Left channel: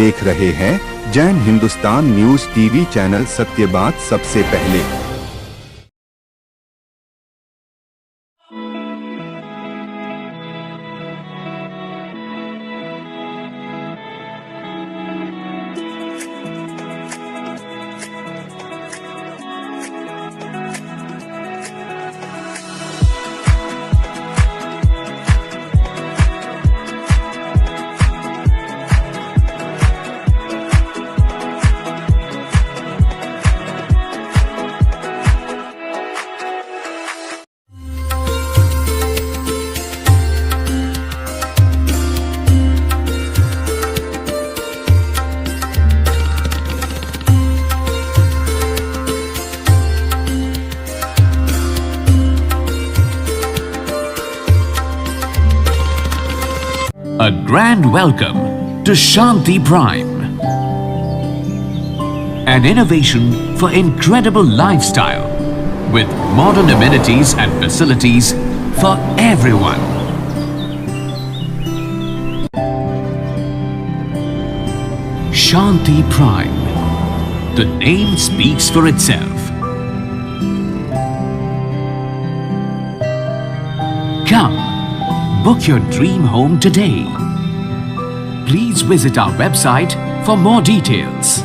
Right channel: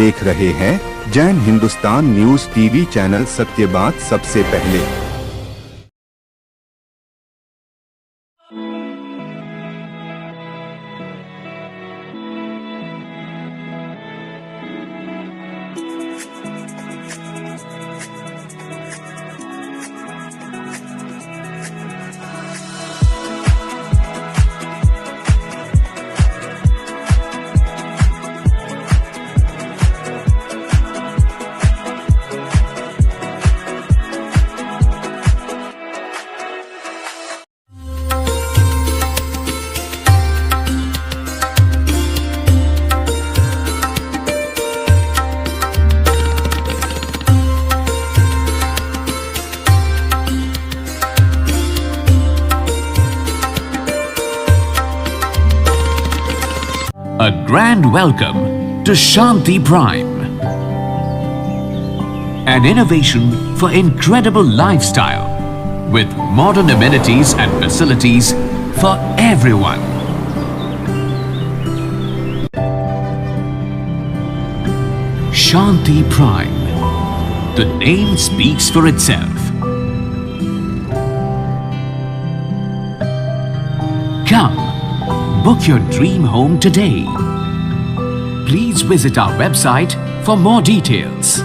देख रहे हैं Jain Hindustan news TV channel, सत्य बात सबसे पहले। A grand welcome to Shanti Prime, an innovation for incredible lifestyle with modern amenities and facilities for everyone. Shanti Prime, the name speaks for itself. Come, book your dream home today. Please visit our website for more details.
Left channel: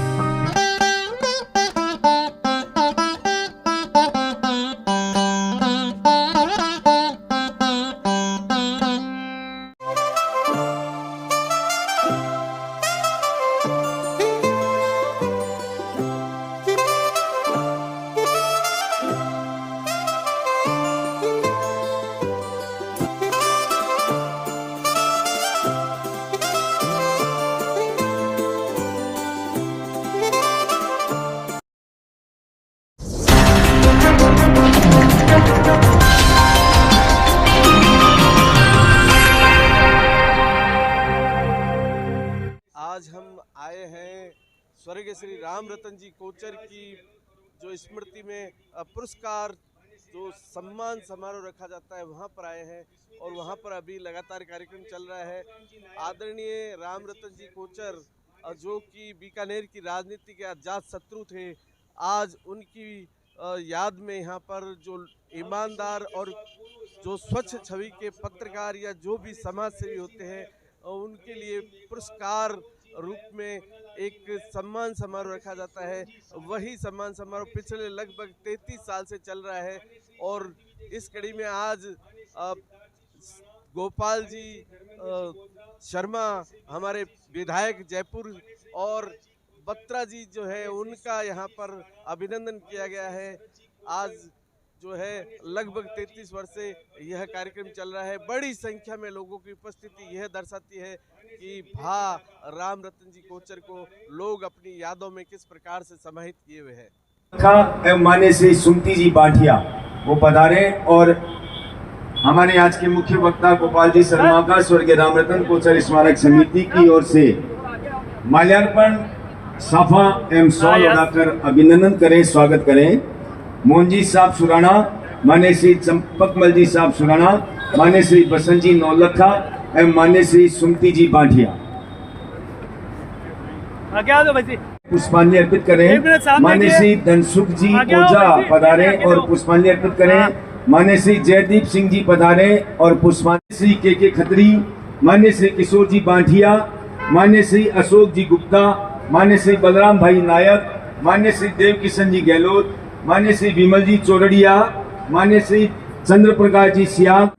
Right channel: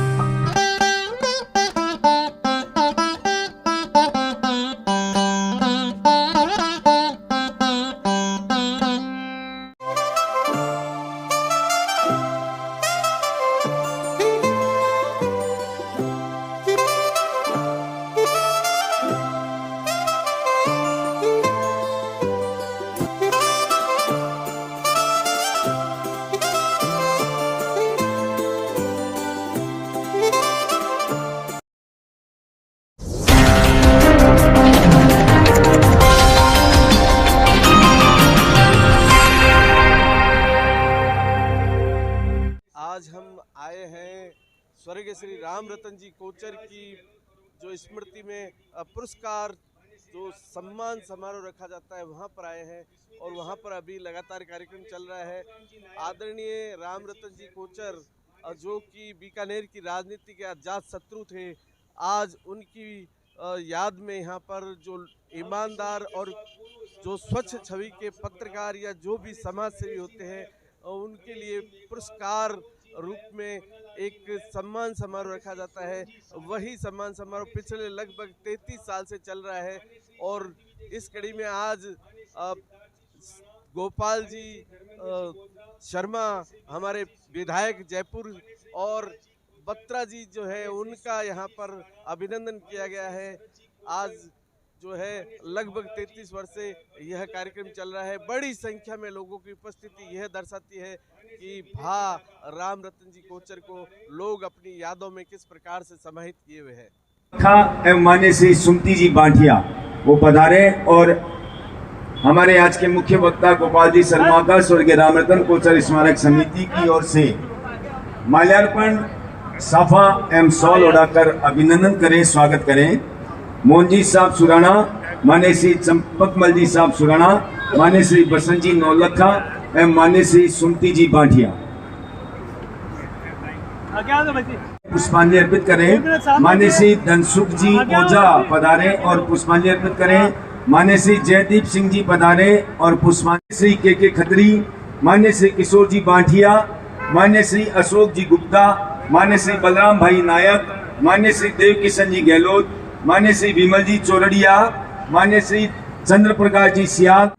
आज हम आए हैं स्वर्गीय श्री राम रतन जी कोचर की जो स्मृति में पुरस्कार जो सम्मान समारोह रखा जाता है वहाँ पर आए हैं और वहाँ पर अभी लगातार कार्यक्रम चल रहा है। आदरणीय राम रतन जी कोचर जो कि बीकानेर की राजनीति के अजात शत्रु थे, आज उनकी याद में यहाँ पर जो ईमानदार और जो स्वच्छ छवि के पत्रकार या जो भी समाज सेवी होते हैं उनके लिए पुरस्कार रूप में एक सम्मान समारोह रखा जाता है। वही सम्मान समारोह पिछले लगभग 33 साल से चल रहा है और इस कड़ी में आज गोपाल जी शर्मा हमारे विधायक जयपुर और बत्रा जी जो है उनका यहाँ पर अभिनंदन किया गया है। आज जो है लगभग 33 वर्ष से यह कार्यक्रम चल रहा है। बड़ी संख्या में लोगों की उपस्थिति यह दर्शाती है कि भा राम रतन जी कोचर को लोग अपनी यादों में किस प्रकार से समाहित किए हुए हैं। मान्य श्री सुमति जी बांठिया वो पधारे और हमारे आज के मुख्य वक्ता गोपाल जी शर्मा का स्वर्गीय राम रतन कोचर स्मारक समिति की ओर से माल्यार्पण साफा एवं शॉल उड़ाकर अभिनंदन करें, स्वागत करें। मोहन जी साहब सुराना, मान्य श्री चंपकमल जी साहब सुराना, मान्य श्री बसंत जी नौलखा एवं मान्य श्री सुमति जी बांठिया पुष्पांजलि अर्पित करें। मान्य श्री धनसुख जी ओझा पधारे और पुष्पांजलि अर्पित करें। मान्य श्री जयदीप सिंह जी पधारे और पुष्पांजलि। श्री के खत्री, मान्य श्री किशोर जी बांठिया, मान्य श्री अशोक जी गुप्ता, मान्य श्री बलराम भाई नायक, मान्य श्री देव किशन जी गहलोत, मान्य श्री विमल जी चौरड़िया, मान्य श्री चंद्र प्रकाश जी सियाग।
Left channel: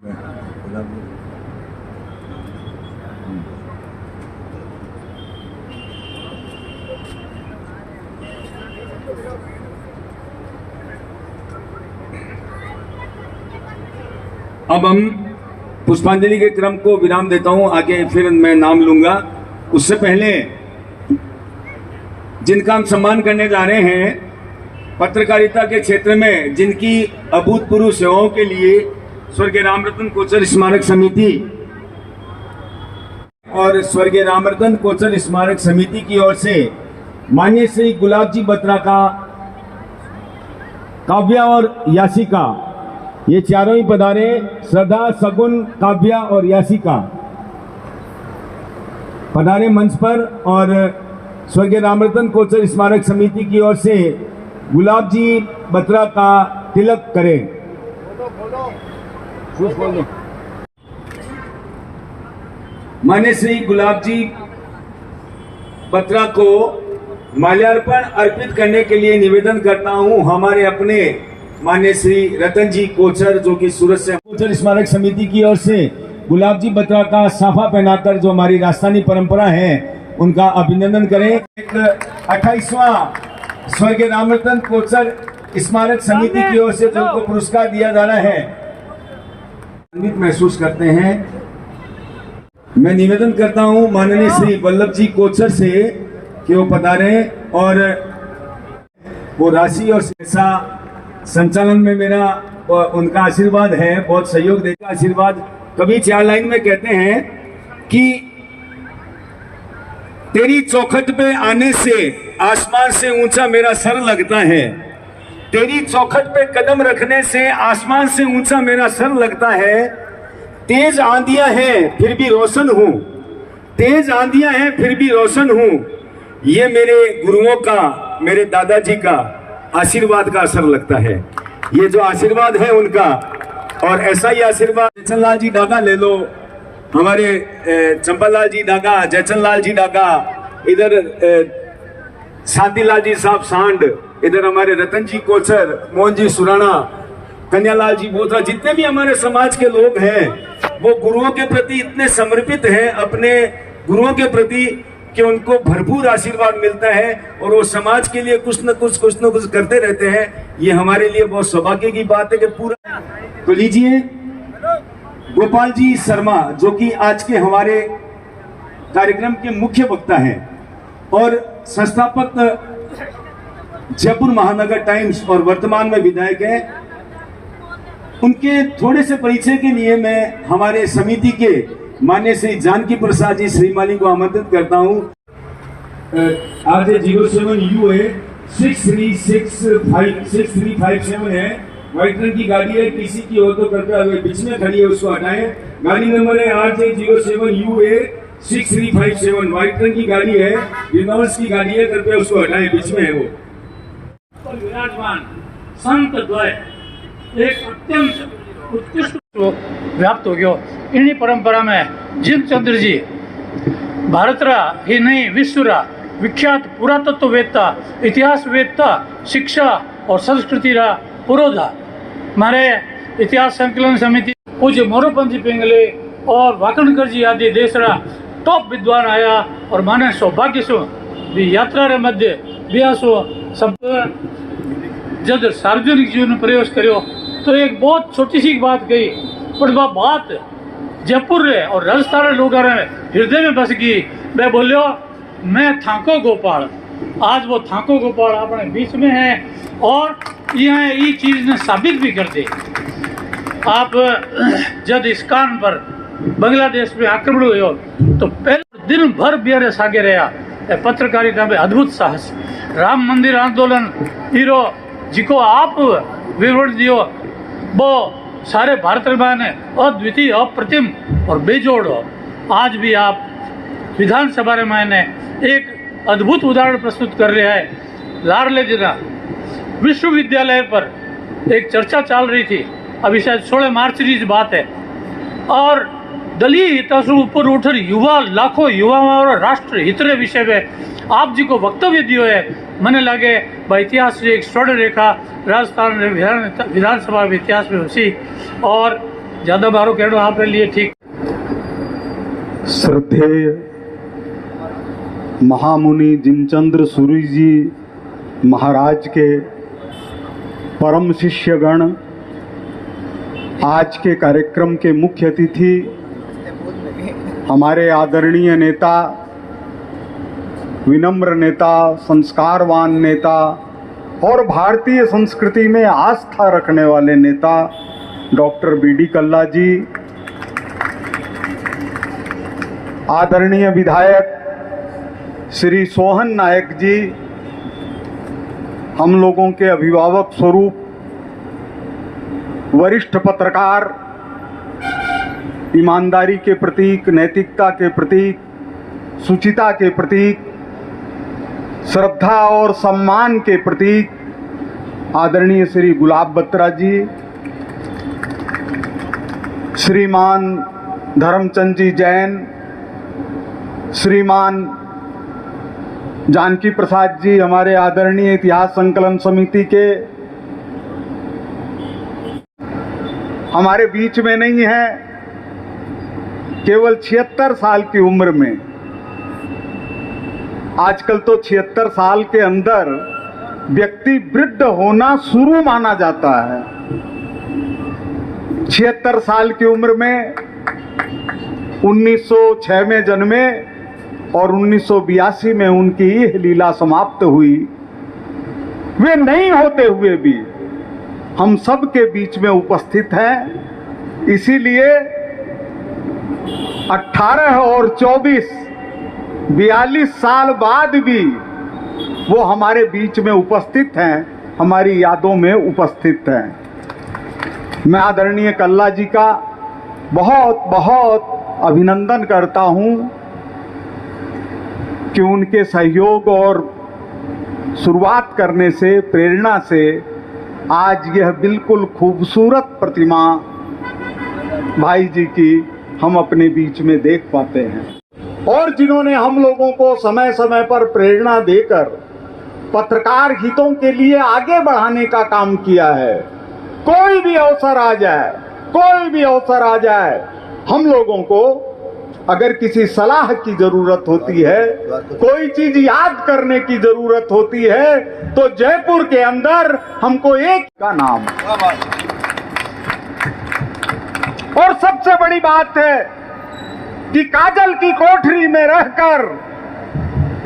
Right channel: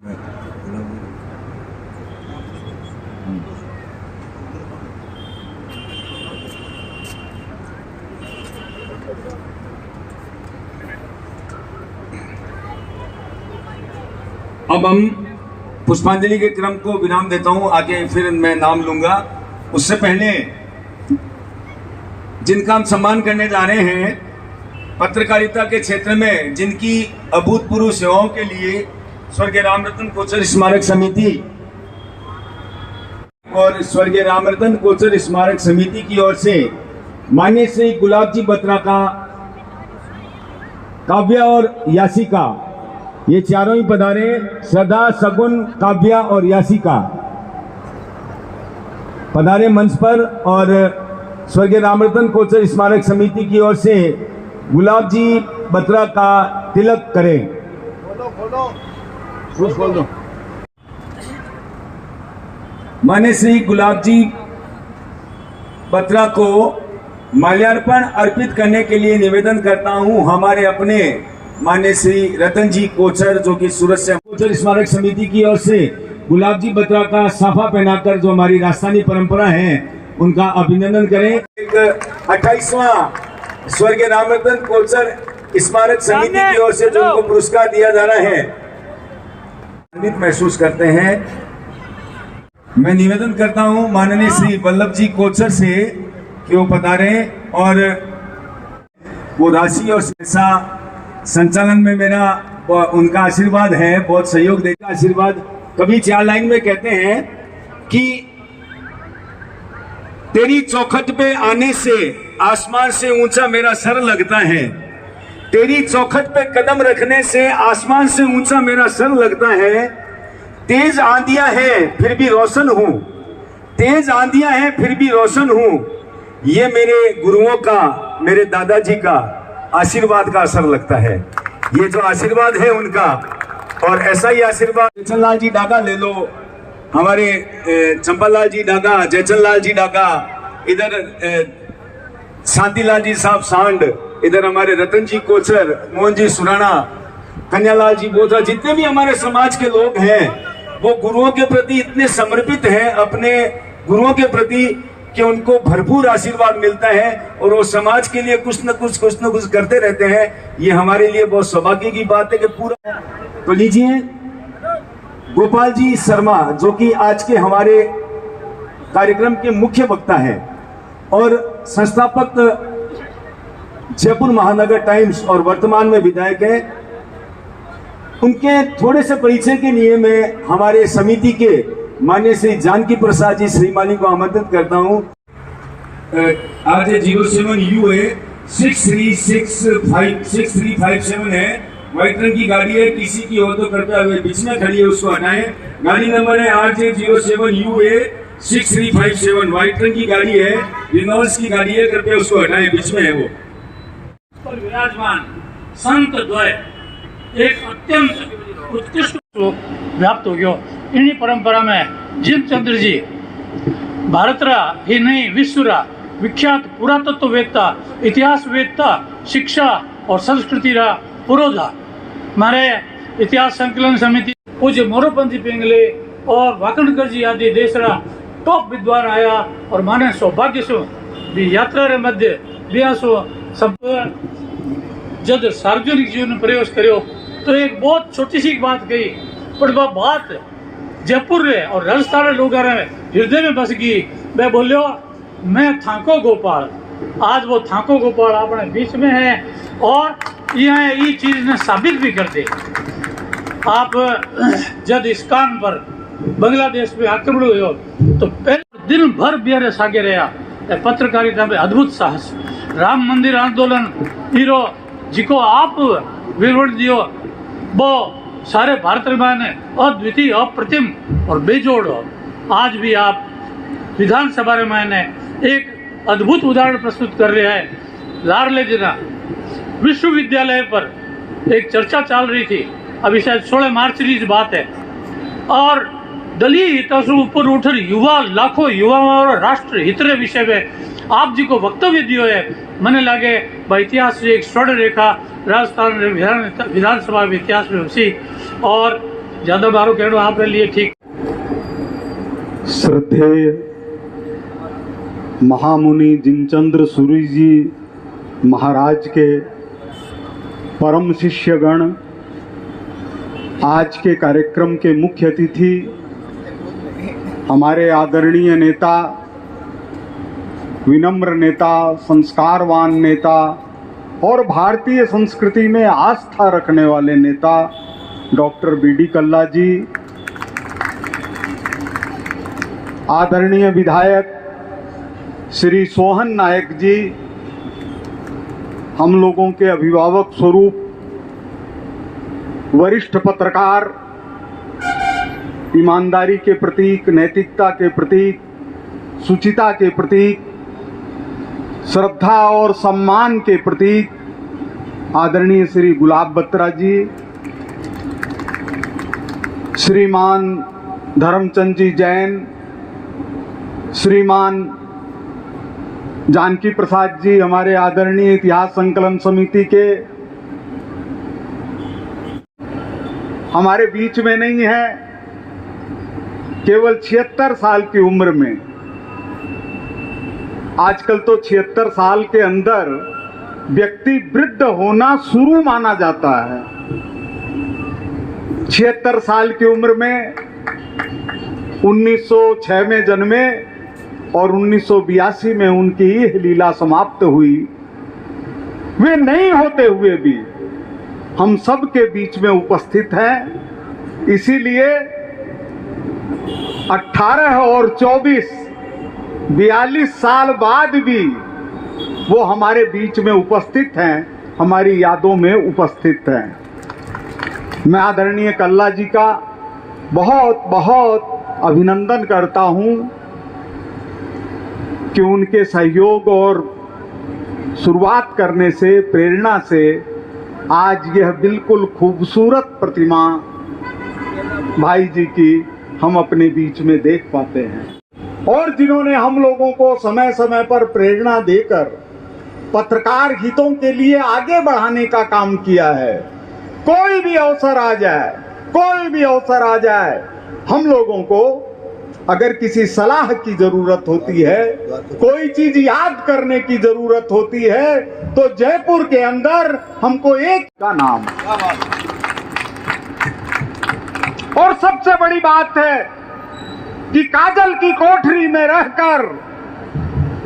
अब हम पुष्पांजलि के क्रम को विराम देता हूं, आगे फिर मैं नाम लूंगा। उससे पहले जिनका हम सम्मान करने जा रहे हैं, पत्रकारिता के क्षेत्र में जिनकी अभूतपूर्व सेवाओं के लिए स्वर्गीय राम रतन कोचर स्मारक समिति और स्वर्गीय राम रतन कोचर स्मारक समिति की ओर से माननीय श्री गुलाब जी बत्रा का काव्या और यासिका, ये चारों ही पधारे। श्रद्धा, सगुन, काव्या और यासिका पधारे मंच पर और स्वर्गीय रामरतन कोचर स्मारक समिति की ओर से गुलाब जी बत्रा का तिलक करें। मान्य श्री गुलाब जी बत्रा को माल्यार्पण अर्पित करने के लिए निवेदन करता हूं हमारे अपने मान्य श्री रतन जी कोचर, जो कि सूरत से कोचर स्मारक समिति की ओर से गुलाब जी बत्रा का साफा पहनाकर, जो हमारी राजस्थानी परंपरा है, उनका अभिनंदन करें। एक 28वां स्वर्गीय रामरतन कोचर स्मारक समिति की ओर से जो उनको पुरस्कार दिया जा रहा है, आनंदित महसूस करते हैं। मैं निवेदन करता हूं माननीय श्री वल्लभ जी कोचर से कि वो पधारे और वो राशि और शिक्षा संचालन में मेरा उनका आशीर्वाद है, बहुत सहयोग देगा आशीर्वाद। कभी 4 लाइन में कहते हैं कि तेरी चौखट पे आने से आसमान से ऊंचा मेरा सर लगता है, तेरी चौखट पे कदम रखने से आसमान से ऊंचा मेरा सर लगता है। तेज आंधियां हैं फिर भी रोशन हूं, तेज आंधियां हैं फिर भी रोशन हूं। ये मेरे गुरुओं का, मेरे दादाजी का आशीर्वाद का असर लगता है। ये जो आशीर्वाद है उनका, और ऐसा ही आशीर्वाद जयचंद लाल जी डागा ले लो, हमारे चंपालाल जी डागा, जयचंद लाल जी डागा, इधर शांतिलाल जी साहब सांड, इधर हमारे रतन जी कोचर, मोहन जी सुराणा, कन्यालाल जी बोधरा, जितने भी हमारे समाज के लोग हैं वो गुरुओं के प्रति इतने समर्पित हैं, अपने गुरुओं के प्रति, कि उनको भरपूर आशीर्वाद मिलता है और वो समाज के लिए कुछ न कुछ करते रहते हैं। ये हमारे लिए बहुत सौभाग्य की बात है कि पूरा। तो लीजिए गोपाल जी शर्मा, जो कि आज के हमारे कार्यक्रम के मुख्य वक्ता हैं और संस्थापक जयपुर महानगर टाइम्स और वर्तमान में विधायक हैं। उनके थोड़े से परिचय के लिए मैं हमारे समिति के माननीय श्री जानकी प्रसाद जी श्रीमाली को आमंत्रित करता हूं। RJ07 UA 6357 है, व्हाइट रंग की गाड़ी है, टीसी की हो तो कृपया बीच में खड़ी है उसको हटाएं। गाड़ी नंबर है RJ07 UA 6357, व्हाइट रंग की गाड़ी है, रिनोल्ड्स की गाड़ी है, कृपया उसको हटाएं, बीच में है वो। विराजमान संत द्वय एक अत्यंत उत्कृष्ट व्याप्त हो गयो। इन्हीं परंपरा में जिमचंद्र जी भारतरा ही नहीं विश्वरा विख्यात पुरातत्ववेत्ता, इतिहासवेत्ता, शिक्षा और संस्कृति रा पुरोधा। हमारे इतिहास संकलन समिति पूज्य मोरोपंथी पिंगले और वाकणकर जी आदि देश रा टॉप विद्वान आया और माने सौभाग्य सो भी यात्रा रे मध्य बियासो सब जब सार्वजनिक जीवन में प्रवेश करो तो एक बहुत छोटी सी बात कही, पर वह बात जयपुर रे और राजस्थान लोग हृदय में बस गई। मैं बोलियो मैं थाको गोपाल, आज वो थाको गोपाल अपने बीच में है और यह ये चीज ने साबित भी कर दे। आप जब इस्कान पर बांग्लादेश में आक्रमण हुआ तो पहले दिन भर बिहार सागे रहा पत्रकारिता में अद्भुत साहस, राम मंदिर आंदोलन हीरो जिको आप विवरण दियो वो सारे भारत में अद्वितीय, अप्रतिम और बेजोड़ हो। आज भी आप विधानसभा में एक अद्भुत उदाहरण प्रस्तुत कर रहे हैं। लाडले जिला विश्वविद्यालय पर एक चर्चा चल रही थी, अभी शायद 16 मार्च की बात है, और दलीय हितों से ऊपर उठ युवा, लाखों युवाओं और राष्ट्र हित विषय में आप जी को वक्तव्य दियो है। मने लगे भाई इतिहास से एक स्वर्ण रेखा राजस्थान विधानसभा इतिहास में उसी, और ज्यादा बारो कहना आपके लिए ठीक। श्रद्धेय महामुनि जिमचंद्र सूरी जी महाराज के परम शिष्यगण, आज के कार्यक्रम के मुख्य अतिथि हमारे आदरणीय नेता, विनम्र नेता, संस्कारवान नेता और भारतीय संस्कृति में आस्था रखने वाले नेता डॉक्टर BD कल्ला जी, आदरणीय विधायक श्री सोहन नायक जी, हम लोगों के अभिभावक स्वरूप वरिष्ठ पत्रकार, ईमानदारी के प्रतीक, नैतिकता के प्रतीक, शुचिता के प्रतीक श्रद्धा और सम्मान के प्रतीक आदरणीय श्री गुलाब बत्रा जी, श्रीमान धर्मचंद जी जैन, श्रीमान जानकी प्रसाद जी हमारे आदरणीय इतिहास संकलन समिति के हमारे बीच में नहीं है। केवल 76 साल की उम्र में, आजकल तो 76 साल के अंदर व्यक्ति वृद्ध होना शुरू माना जाता है। 76 साल की उम्र में 1906 में जन्मे और 1982 में उनकी यह लीला समाप्त हुई। वे नहीं होते हुए भी हम सब के बीच में उपस्थित हैं। इसीलिए 18 और 24 42 साल बाद भी वो हमारे बीच में उपस्थित हैं, हमारी यादों में उपस्थित हैं। मैं आदरणीय कल्ला जी का बहुत बहुत अभिनंदन करता हूं कि उनके सहयोग और शुरुआत करने से, प्रेरणा से आज यह बिल्कुल खूबसूरत प्रतिमा भाई जी की हम अपने बीच में देख पाते हैं। और जिन्होंने हम लोगों को समय समय पर प्रेरणा देकर पत्रकार हितों के लिए आगे बढ़ाने का काम किया है। कोई भी अवसर आ जाए, कोई भी अवसर आ जाए, हम लोगों को अगर किसी सलाह की जरूरत होती है, कोई चीज याद करने की जरूरत होती है, तो जयपुर के अंदर हमको एक का नाम। और सबसे बड़ी बात है कि काजल की कोठरी में रहकर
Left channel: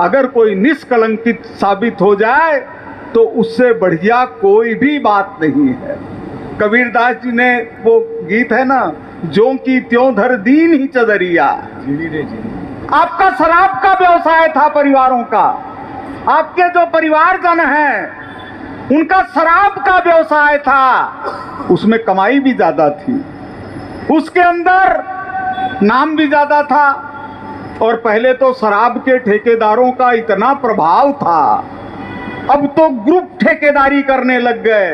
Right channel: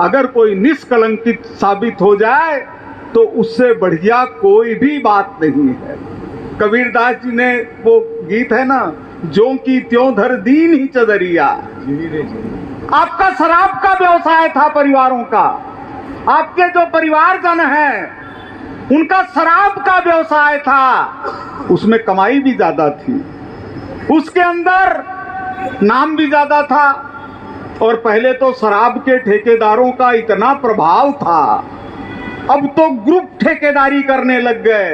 अगर कोई निष्कलंकित साबित हो जाए तो उससे बढ़िया कोई भी बात नहीं है। कबीरदास जी ने वो गीत है ना, जो की त्यों धर दीन ही चदरिया। आपका शराब का व्यवसाय था परिवारों का, आपके जो परिवारजन हैं उनका शराब का व्यवसाय था, उसमें कमाई भी ज्यादा थी, उसके अंदर नाम भी ज्यादा था। और पहले तो शराब के ठेकेदारों का इतना प्रभाव था, अब तो ग्रुप ठेकेदारी करने लग गए,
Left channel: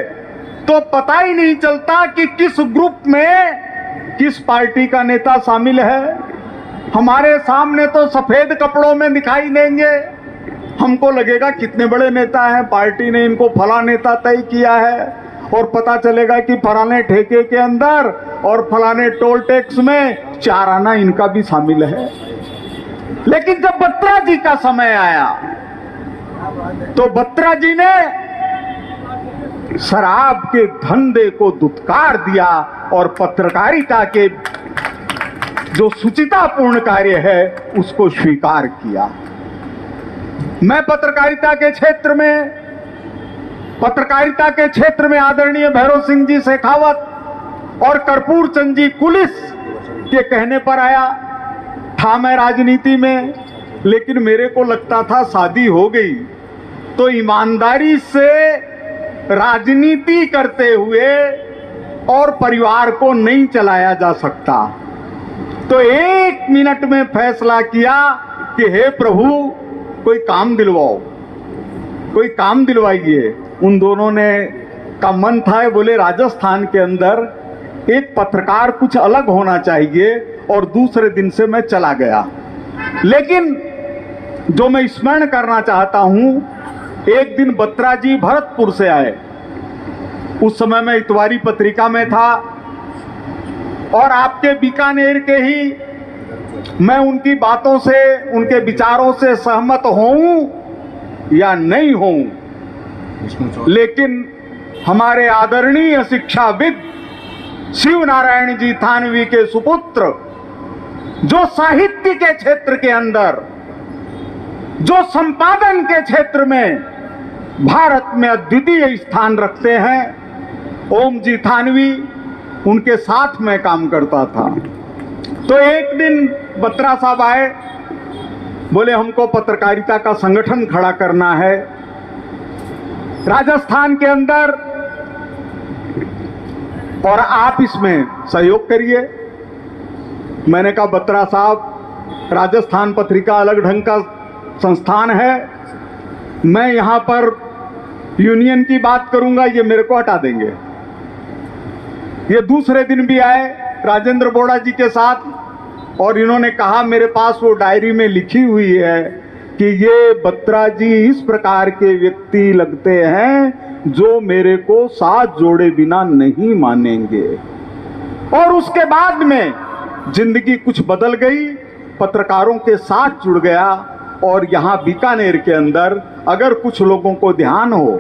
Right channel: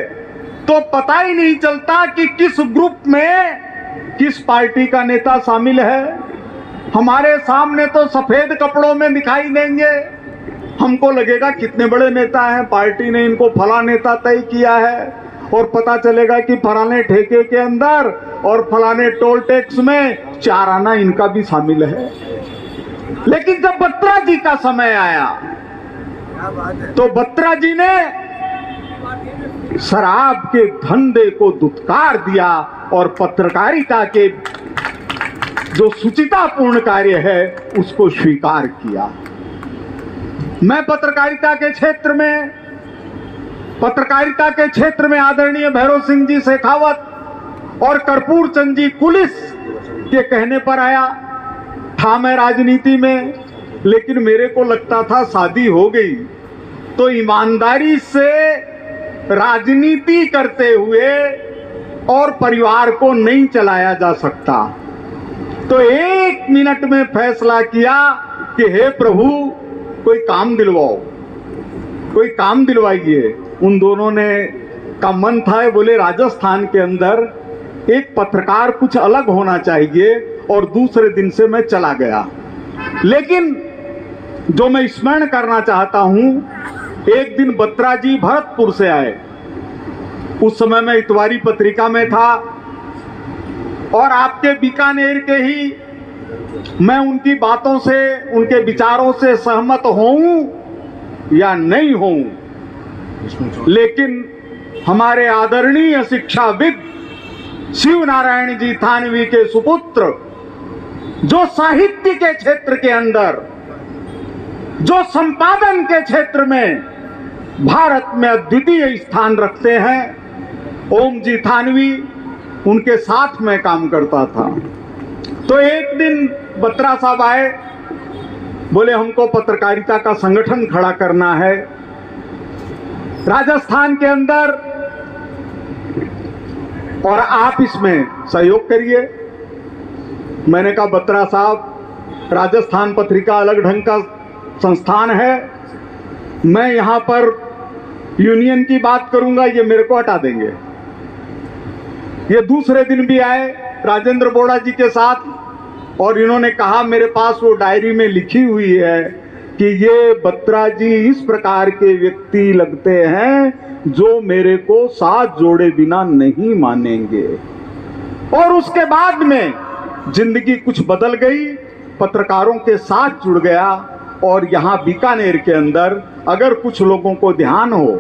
तो पता ही नहीं चलता कि किस ग्रुप में किस पार्टी का नेता शामिल है। हमारे सामने तो सफेद कपड़ों में दिखाई देंगे, हमको लगेगा कितने बड़े नेता हैं, पार्टी ने इनको फला नेता तय किया है, और पता चलेगा कि फलाने ठेके के अंदर और फलाने टोल टैक्स में 4 आना इनका भी शामिल है। लेकिन जब बत्रा जी का समय आया तो बत्रा जी ने शराब के धंधे को दुत्कार दिया और पत्रकारिता के जो शुचितापूर्ण कार्य है उसको स्वीकार किया। मैं पत्रकारिता के क्षेत्र में आदरणीय भैरव सिंह जी शेखावत और कर्पूर चंद जी कुलिस के कहने पर आया था। मैं राजनीति में, लेकिन मेरे को लगता था शादी हो गई तो ईमानदारी से राजनीति करते हुए और परिवार को नहीं चलाया जा सकता। तो 1 मिनट में फैसला किया कि हे प्रभु कोई काम दिलवाओ, कोई काम दिलवाइए। उन दोनों ने का मन था, बोले राजस्थान के अंदर एक पत्रकार कुछ अलग होना चाहिए, और दूसरे दिन से मैं चला गया। लेकिन जो मैं स्मरण करना चाहता हूं, एक दिन बत्रा जी भरतपुर से आए, उस समय मैं इतवारी पत्रिका में था, और आपके बीकानेर के ही मैं उनकी बातों से, उनके विचारों से सहमत होऊं या नहीं होऊं, लेकिन हमारे आदरणीय शिक्षाविद शिव नारायण जी थानवी के सुपुत्र, जो साहित्य के क्षेत्र के अंदर, जो संपादन के क्षेत्र में भारत में अद्वितीय स्थान रखते हैं, ओम जी थानवी, उनके साथ में काम करता था। तो एक दिन बत्रा साहब आए, बोले हमको पत्रकारिता का संगठन खड़ा करना है राजस्थान के अंदर, और आप इसमें सहयोग करिए। मैंने कहा बत्रा साहब, राजस्थान पत्रिका अलग ढंग का संस्थान है, मैं यहां पर यूनियन की बात करूंगा, ये मेरे को हटा देंगे। ये दूसरे दिन भी आए राजेंद्र बोड़ा जी के साथ और इन्होंने कहा, मेरे पास वो डायरी में लिखी हुई है कि ये बत्रा जी इस प्रकार के व्यक्ति लगते हैं जो मेरे को साथ जोड़े बिना नहीं मानेंगे। और उसके बाद में जिंदगी कुछ बदल गई, पत्रकारों के साथ जुड़ गया और यहां बीकानेर के अंदर अगर कुछ लोगों को ध्यान हो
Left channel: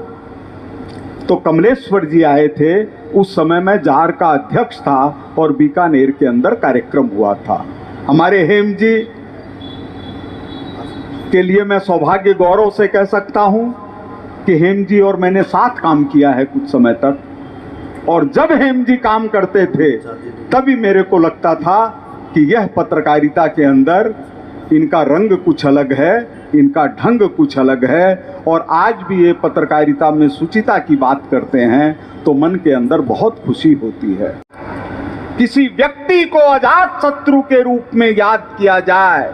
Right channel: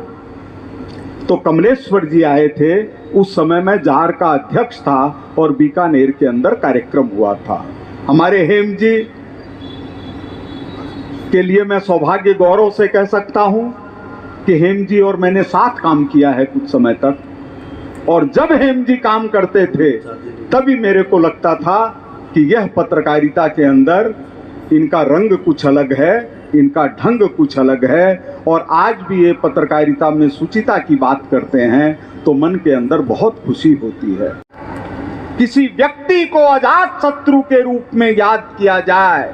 तो कमलेश्वर जी आए थे। उस समय मैं जार का अध्यक्ष था और बीकानेर के अंदर कार्यक्रम हुआ था। हमारे हेम जी के लिए मैं सौभाग्य गौरव से कह सकता हूं कि हेम जी और मैंने साथ काम किया है कुछ समय तक, और जब हेम जी काम करते थे तभी मेरे को लगता था कि यह पत्रकारिता के अंदर इनका रंग कुछ अलग है, इनका ढंग कुछ अलग है। और आज भी ये पत्रकारिता में शुचिता की बात करते हैं तो मन के अंदर बहुत खुशी होती है। किसी व्यक्ति को अजात शत्रु के रूप में याद किया जाए,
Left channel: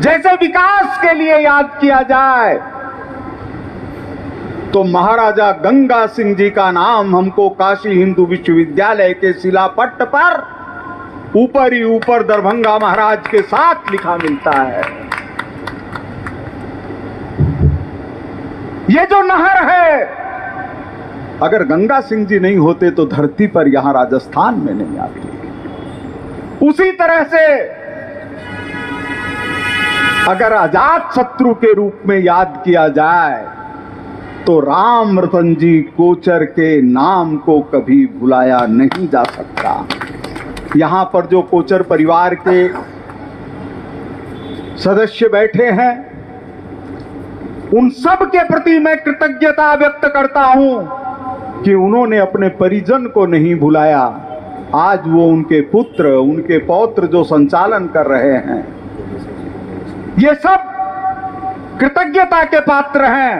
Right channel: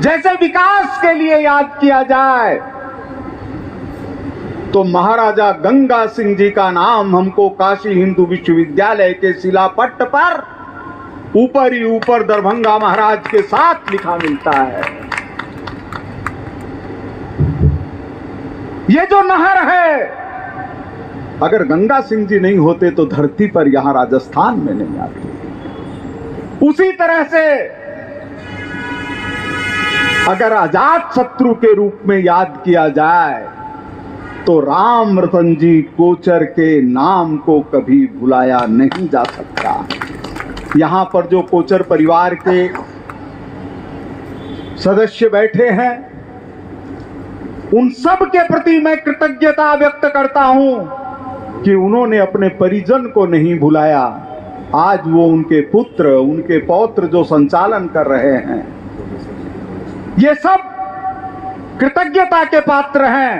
जैसे विकास के लिए याद किया जाए, तो महाराजा गंगा सिंह जी का नाम हमको काशी हिंदू विश्वविद्यालय के शिलापट्ट पर ऊपर ही ऊपर दरभंगा महाराज के साथ लिखा मिलता है। ये जो नहर है, अगर गंगा सिंह जी नहीं होते तो धरती पर यहां राजस्थान में नहीं आती। उसी तरह से अगर अजात शत्रु के रूप में याद किया जाए तो राम रतन जी कोचर के नाम को कभी भुलाया नहीं जा सकता। यहां पर जो कोचर परिवार के सदस्य बैठे हैं, उन सब के प्रति मैं कृतज्ञता व्यक्त करता हूं कि उन्होंने अपने परिजन को नहीं भुलाया। आज वो उनके पुत्र, उनके पौत्र जो संचालन कर रहे हैं, ये सब कृतज्ञता के पात्र हैं।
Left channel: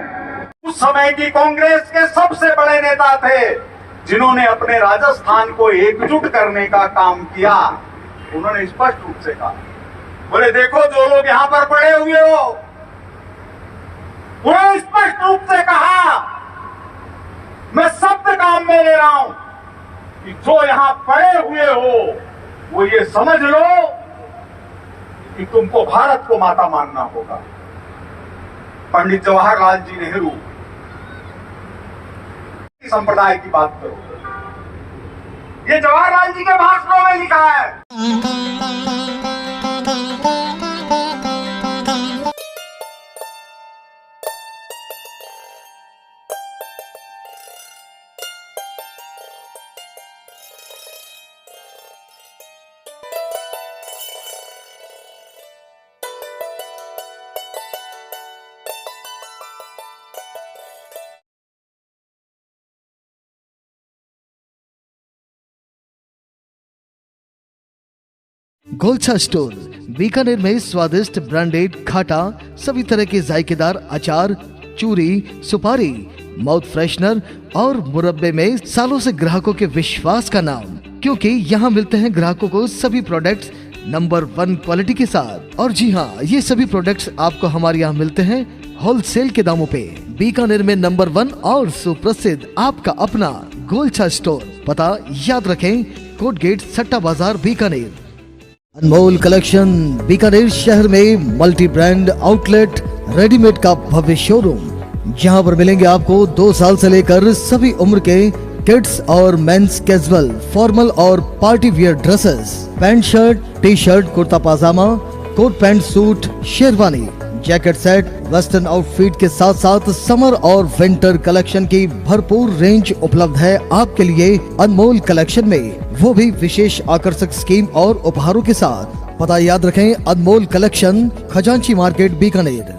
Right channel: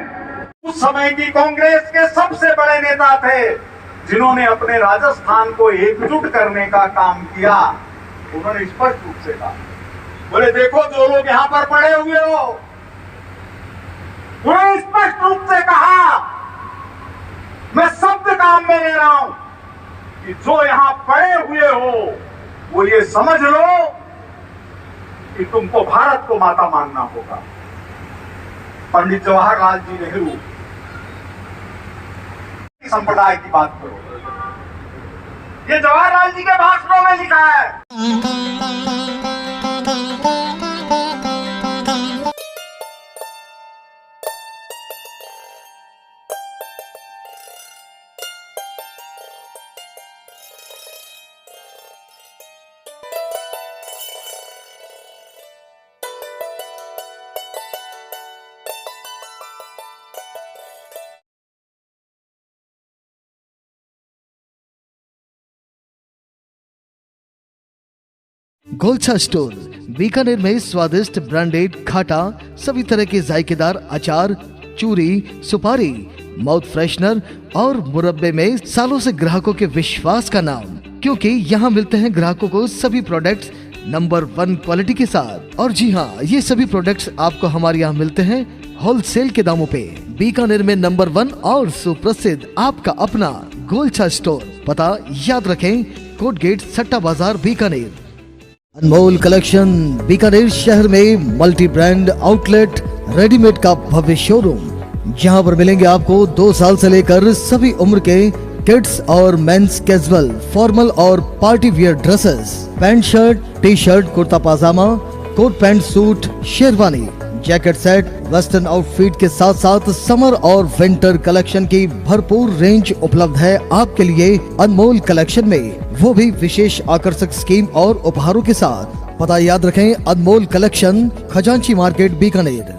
उस समय की कांग्रेस के सबसे बड़े नेता थे जिन्होंने अपने राजस्थान को एकजुट करने का काम किया। उन्होंने स्पष्ट रूप से कहा, बोले देखो जो लोग यहां पर पड़े हुए हो, उन्होंने स्पष्ट रूप से कहा, मैं शब्द काम में ले रहा हूं कि जो यहां पड़े हुए हो वो ये समझ लो कि तुमको भारत को माता मानना होगा। पंडित जवाहरलाल जी नेहरू संप्रदाय की बात करो, ये जवाहरलाल जी के भाषणों में लिखा है। गोलछा स्टोर बीकानेर में स्वादिष्ट ब्रांडेड खाटा, सभी तरह के जायकेदार अचार, चूरी, सुपारी, माउथ फ्रेशनर और मुरब्बे में सालों से ग्राहकों के विश्वास का नाम, क्योंकि यहाँ मिलते हैं ग्राहकों को सभी प्रोडक्ट्स नंबर 1 क्वालिटी के साथ। और जी हाँ, ये सभी प्रोडक्ट्स आपको हमारे यहाँ मिलते हैं होलसेल के दामों पे। बीकानेर में नंबर 1 और सुप्रसिद्ध आपका अपना गोलछा स्टोर, पता याद रखें, कोट गेट, सट्टा बाजार, बीकानेर। अनमोल कलेक्शन बीकानेर शहर में मल्टी ब्रांड आउटलेट रेडीमेड का भव्य शोरूम, जहां पर मिलेंगे आपको 2 साल से लेकर सभी उम्र के किड्स और मेंस कैजुअल, फॉर्मल और party wear dresses, pant shirt, T shirt, kurta pyjama, coat pant suit, sherwani, jacket set, western outfit के साथ साथ समर और विंटर कलेक्शन की भरपूर रेंज उपलब्ध है आपके लिए अनमोल कलेक्शन में, वो भी विशेष आकर्षक स्कीम और उपहारों के साथ। पता याद रखें, अनमोल कलेक्शन, खजांची मार्केट, बीकानेर।